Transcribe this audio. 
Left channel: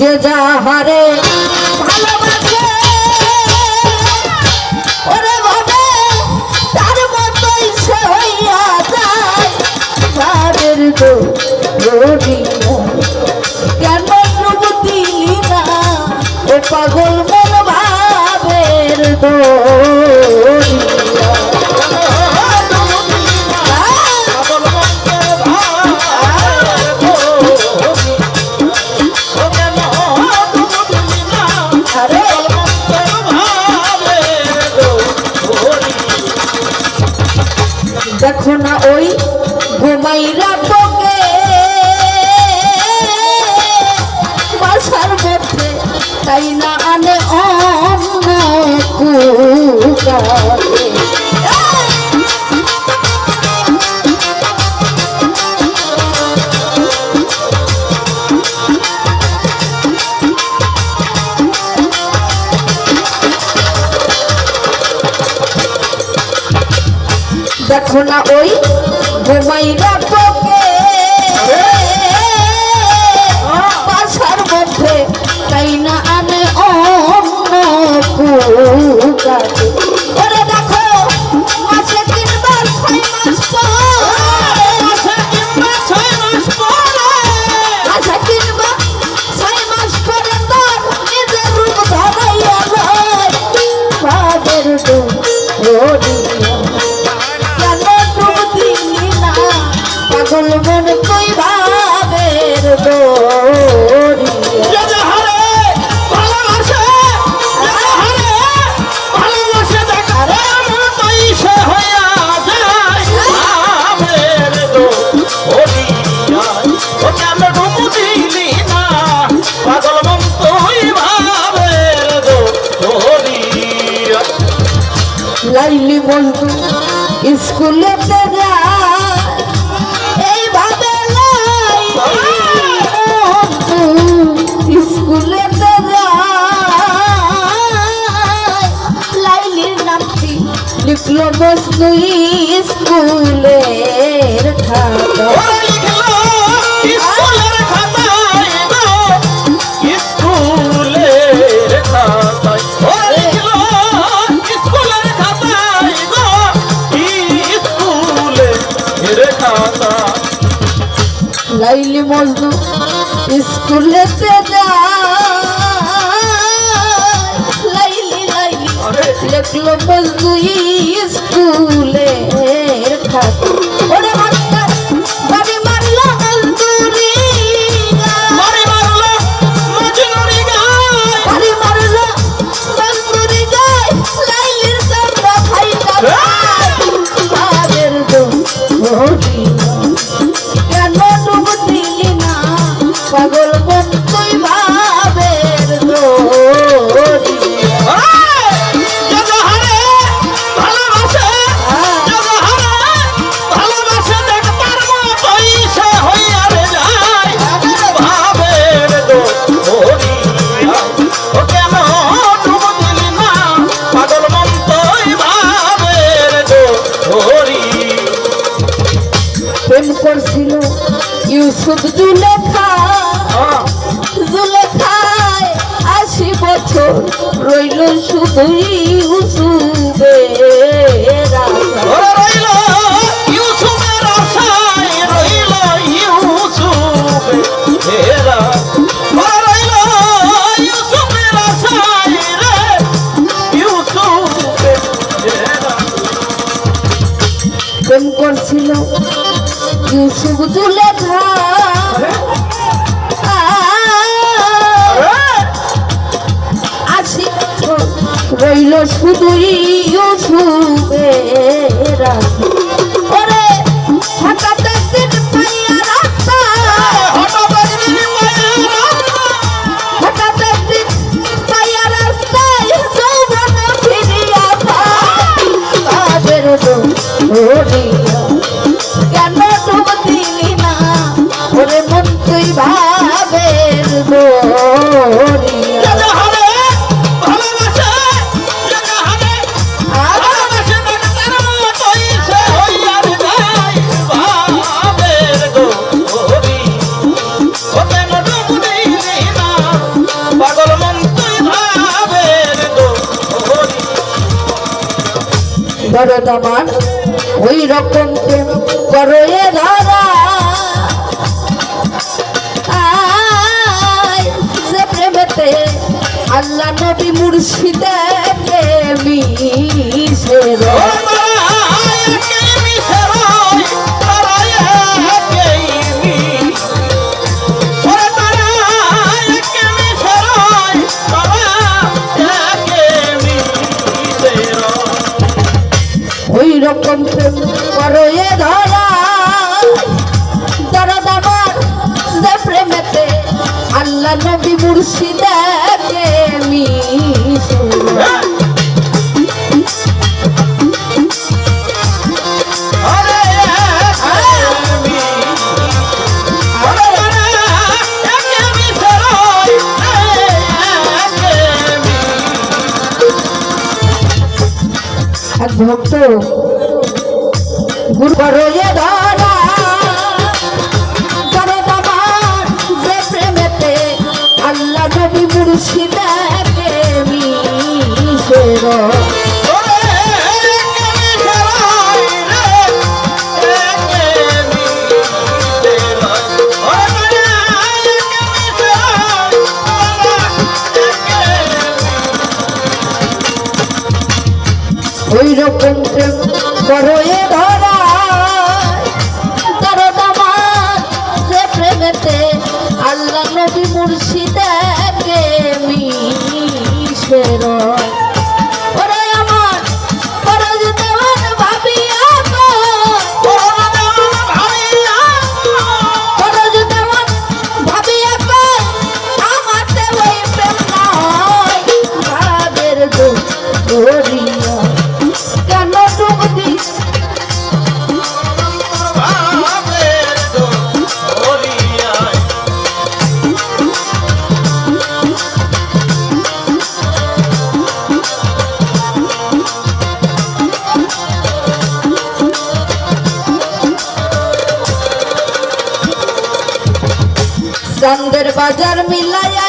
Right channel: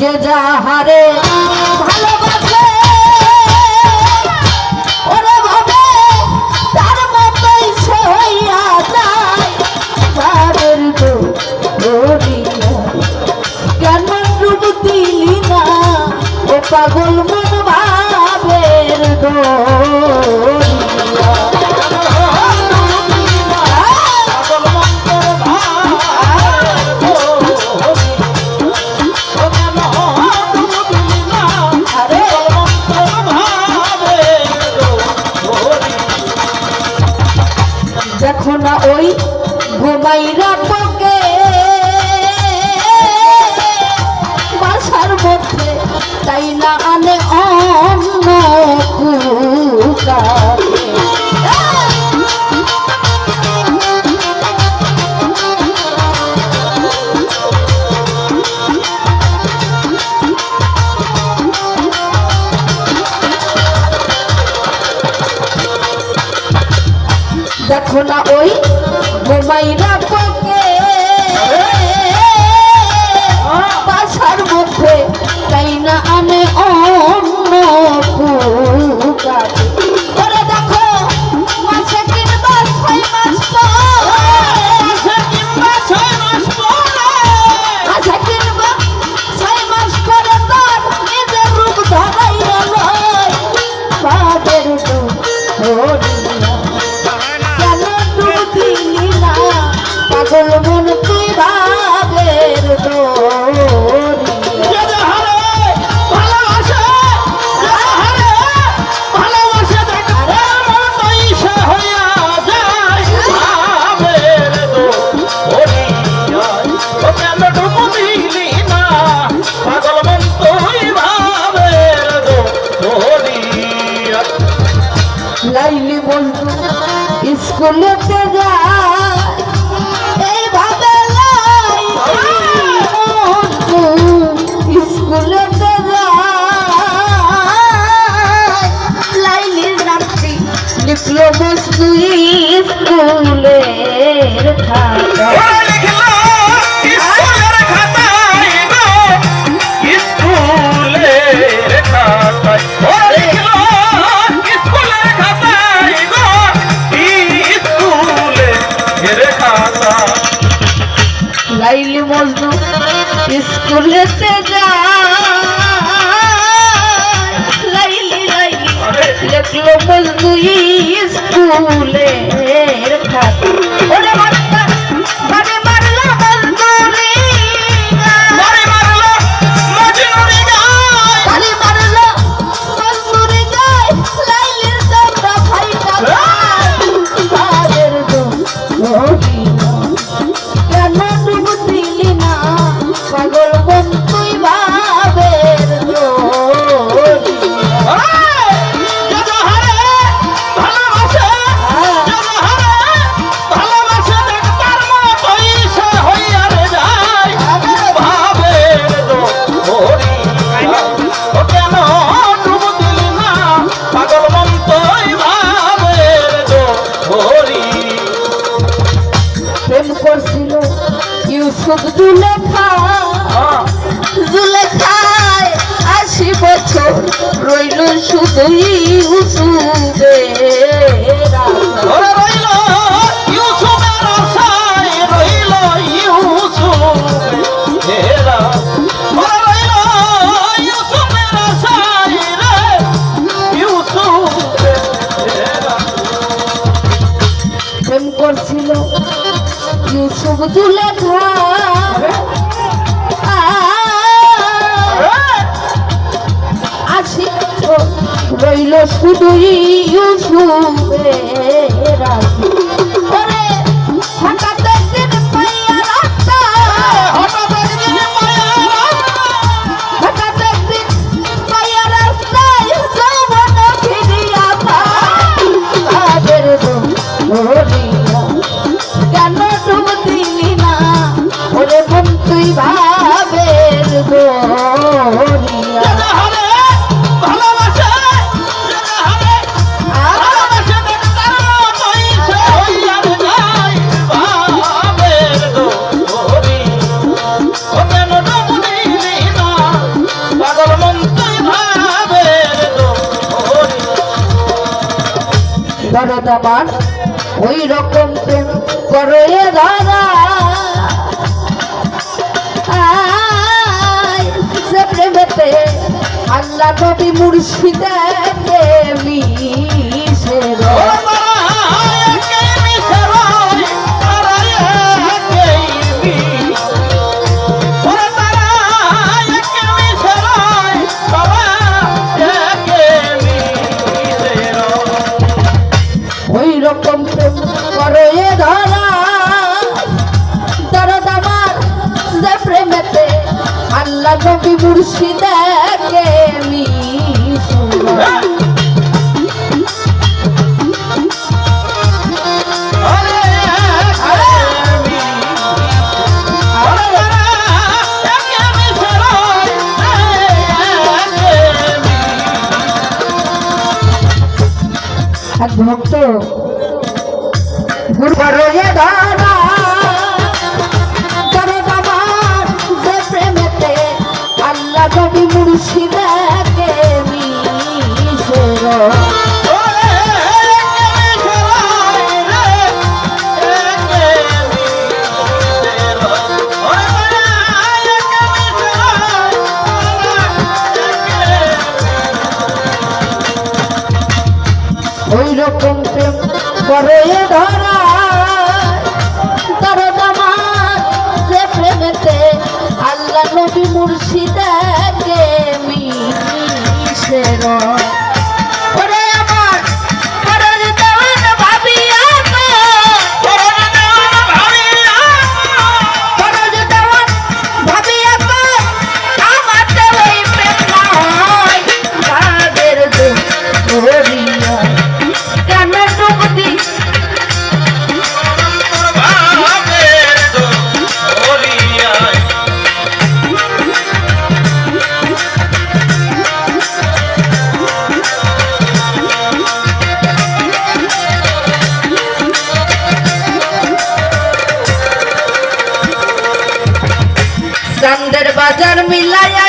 যে যাহারে ভালোবাসে ওরে ভাবে তার মতোই সে হইয়া যায় যাদের দোরি কেন রূপ দিলি না ও পাগল মন ভাবের দোরি দেখো না ওই ঘুমাইরা তোকে বাসার মধ্যে তাই না আনে অন্য কুকারে দেখো না ওই ঘুমাইরা তোকে বাসার মধ্যে তাই না আনে অন্য কুকারে ওরে দেখো মাসে 3 মাস 6 মাস পরে তার নিজের রূপ ধরাইয়া লয় তাদের দোরি পাগল মন তুই ভাবের দোরি লাইলি বন্ধু স্কুলেতে যায় এইভাবে স্কুলেতে যায় লাইলির নামটি লিখলো বস্তু স্কুলের খাতায় লাইলি মজনু স্কুলেতে যায় লাইলি লাইলি লিখলো মজনু স্কুলের খাতা ওরে মাস্টার ঘরে মারলো মজনুরি ঘরে মারলো মজনুরি ঘরে মারলো মজনুরি গায় লাইলির তোমরা খাইতা তাদের দোরি পাগল মন তুই ভাবের দোরি প্রেম করছিল ইউসুফ জুলেখায় 80 বছর রইল শুধু ইউসুফের প্রেম করছিল ইউসুফ জুলেখা রইল শুধু ইউসুফের ওরে হঠাৎ একদিন পাইয়া রাস্তায় হঠাৎ একদিন পাইয়া রাস্তায় যৌবন ফিরিয়া তাদের দোরি কেন ডুব দিলি না ওরে মন তুই ভাবের দোরি দরদামান ওই রকম প্রেম করো এ ধরা যে প্রেমেতে আল্লাহ নবী মুর্শিদাকে মিশে ওই রকম প্রেম করো এ ধরা দরদামান যে প্রেমেতে আল্লাহ নবী মুর্শিদাকে মিশে এক ভক্ত গুরু করো এ ধরা দরদামান যে প্রেমেতে আল্লাহ নবী মুর্শিদাকে মিশে ওই রকম প্রেম করো এ ধরা দরদামান যে প্রেমেতে আল্লাহ নবী মুর্শিদাকে মিশে ওরে আমার ফরজ দেওয়ান ভাবিয়া ফরজ দেওয়ান ভাবিয়া আমার ওই প্রেম নয় ভাবের দোরিয়া চাঁদের বাজার মিলায়া